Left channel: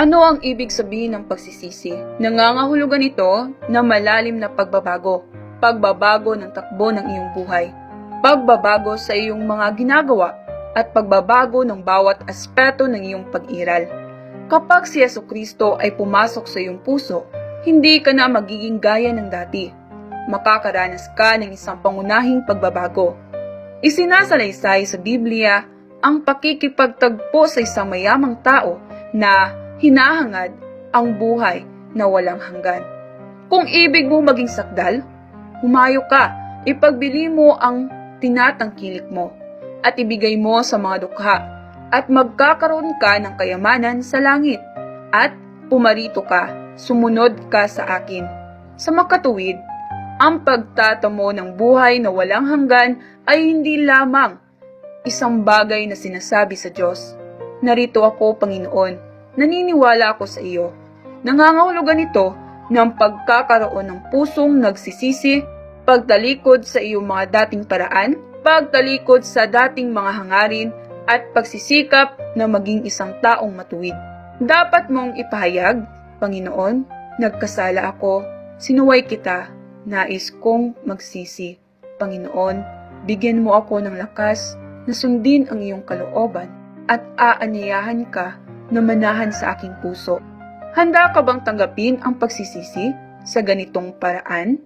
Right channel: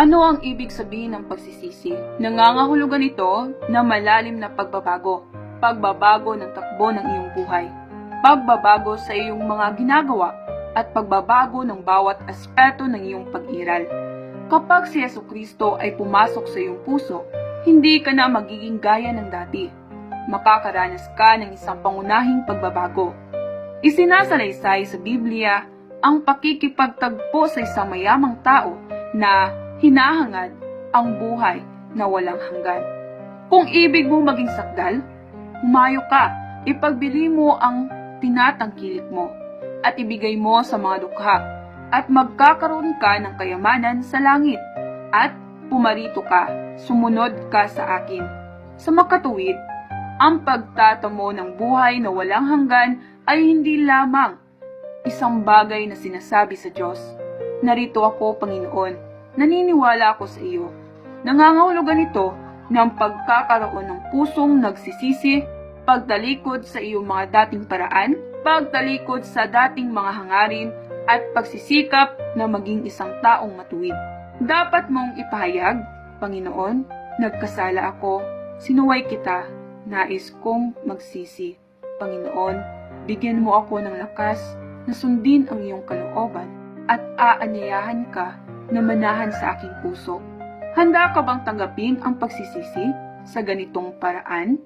Ano ang ibig sabihin ng pagsisisi? Nangangahulugan ito na malalim na pagbabago, pagbabago ng takbo ng iyong buhay, pagbabago sa iyong mga ginagawa, at pagbabago ng bawat aspeto ng iyong pag-iral. Kapag si Jesucristo ay pumasok sa iyong puso, hindi ka na magiging gaya ng dati. Makakaranas ka ng isang pangunahing pagbabago. Isinasalaysay sa Biblia ang pakikipagtagpo sa isang mayamang tao na hinahangad ang buhay na walang hanggan. Kung ibig mo maging sakdal, humayo ka, ipagbili mo ang tinatangkilik mo, at ibigay mo sa mga dukha, at magkakaroon ka ng kayamanan sa langit, at pumarito ka, sumunod ka sa akin. Sa makatuwid, ang pagtatamo ng buhay na walang hanggan ay hindi lamang isang bagay na sinasabi sa Diyos. Narito ako, Panginoon, naniniwala ako sa iyo. Nangangahulugan ito ng pagkakaroon ng pusong nagsisisi, pagtalikod sa iyong mga dating paraan, pagtalikod sa dating mga hangarin, at pagsisikap na maging isang taong matuwid. Dapat mong ipahayag, Panginoon, nagkasala ako, sinuway kita, nais kong magsisi. Panginoon, bigyan mo ako ng lakas na sundin ang iyong kalooban at aanyayahan ka na manahan sa aking puso. Handa ka bang tanggapin ang pagsisisi sa ganitong paraan?